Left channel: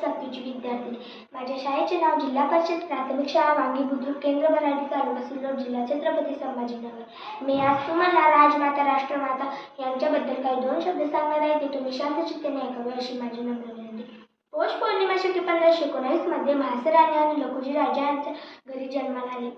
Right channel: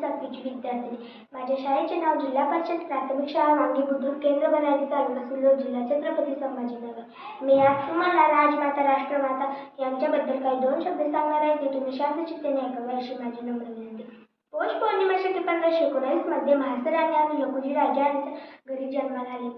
7वीची विद्यार्थिनी। माझ्या शाळेचे नाव जिल्हा परिषद प्राथमिक शाळा वांगी बुद्रुक केंद्र बराडी तालुका सिल्लोड जिल्हा छत्रपती संभाजीनगर। मी आज तुम्हाला राजमाता राष्ट्रमाता यांच्याबद्दल काही 2 शब्द सांगणार आहे, ते तुम्ही शांत चित्ताने ऐकावे अशी माझी नम्र विनंती। पौष पौर्णिमा शके 1519 मध्ये म्हाळसे राणी आणि लखुजी राजा यांच्या घरी जन्माला आले।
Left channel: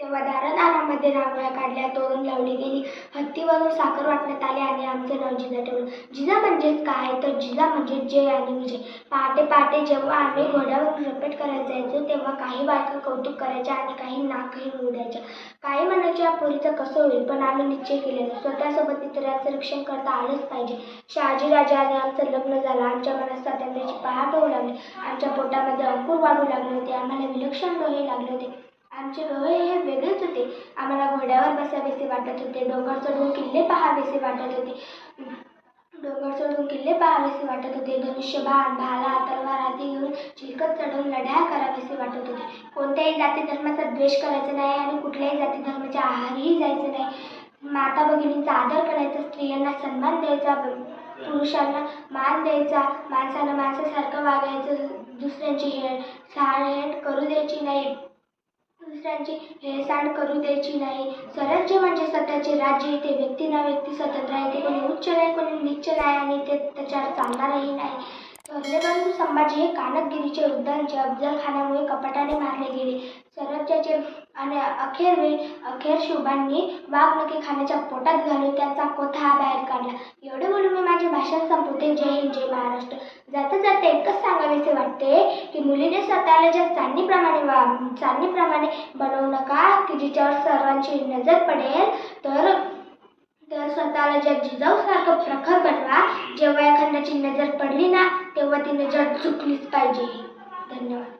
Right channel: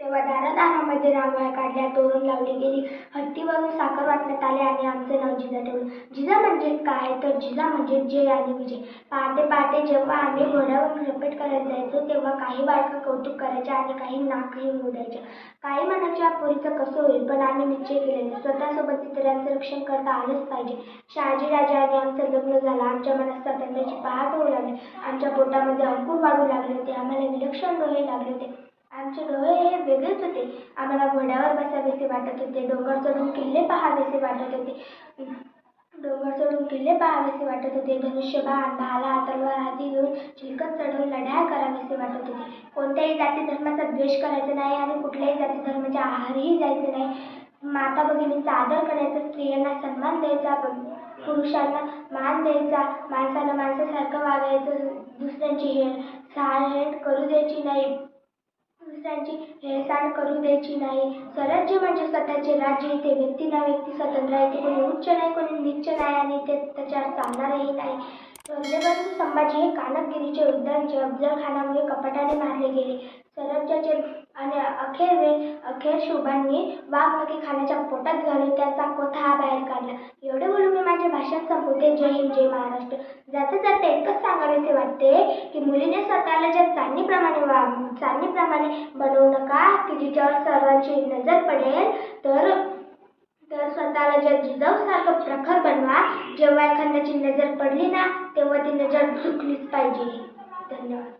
तेव्हा दारादारामध्ये रांगोळ्या काढल्या, तोरण लावली गेली, हत्तीवरून साखर वाटण्यात आले आणि आमचे नाव जिजा ठेवलं। जिजा म्हणजेच काय, तर जिजा म्हणजे जय आणि विजय। पहाटे पहाटे जेव्हा आम्ही घोड्यावरून रपेट करायला जायचो, तेव्हा काही बायका कौतुक करायच्या आणि काही नाकही होऊ द्यायच्या। काही म्हणायच्या पोरीचं कसं होईल, पण आम्ही निश्चय केलेला स्वतःसोबत इतरांचं रक्षण करता आलंच पाहिजे। शहाजी राजा आणि आमचं लग्न झालं। आमच्या मनात स्वातंत्र्याची पहाट होऊ लागली। आमच्या पोटामध्ये अंकुर वाढू लागले होते। आम्हाला विलक्षण डोळे लागले होते। आमचे डोळे हे वेगळेच होते। आम्हाला घोड्यावर बसावेसे वाटत होते, डोंगर चढून किल्ले पाहावेसे वाटत होते, धनुष्यबाण, भाला, तलवार आदी घेऊन चिलखत चढवून लढाया करावेसे वाटत होते। कोणत्याही जाती धर्माचा द्वेष करायचा नाही आणि कुठल्याही जाती धर्माच्या आहारीही जायचं नाही। माता भगिनींचा आदर करायचा, स्त्रियांना सन्मान द्यायचा, पुरुषांना मान द्यायचा, माणसानं माणसासारखं वागायचं, दुसऱ्यांची हेळसांड करू द्यायची नाही। स्वराज्य म्हणजे स्वतःचे राज्य, इथे व्यक्ती ना व्यक्ती स्वतंत्र आहे, इथे कोणी उच्च नाही कोणी नीच नाही आणि इथे त्याच्यावर चालणारही नाही। स्वरलेबंधू संभाजी हे कानकगिरीचे उद्यानचे अफजलखानामुळे कपटाने मारले गेले। स्वराज्याचे आणि अखेर शिवबांनी वाघनखे खानाच्या पोटात घालून त्यांचा कोथा बाहेर काढला। एवढे बोलून मी माझे भाषण संपवते। जय हिंद, जय महाराष्ट्र। जाता जाता एकच सांगावेसे वाटते की मुलीने स्वतःला ज्या चांदणीप्रमाणे बनवू नका की जिच्यावर सर्वांची नजर पडेल, तर स्वतःला ज्या जिजाऊसारखं प्रखर बनवा। जेव्हा एखाद्याची नजर पडली ना, तेव्हा ती नजर झुकलीच पाहिजे। धन्यवाद।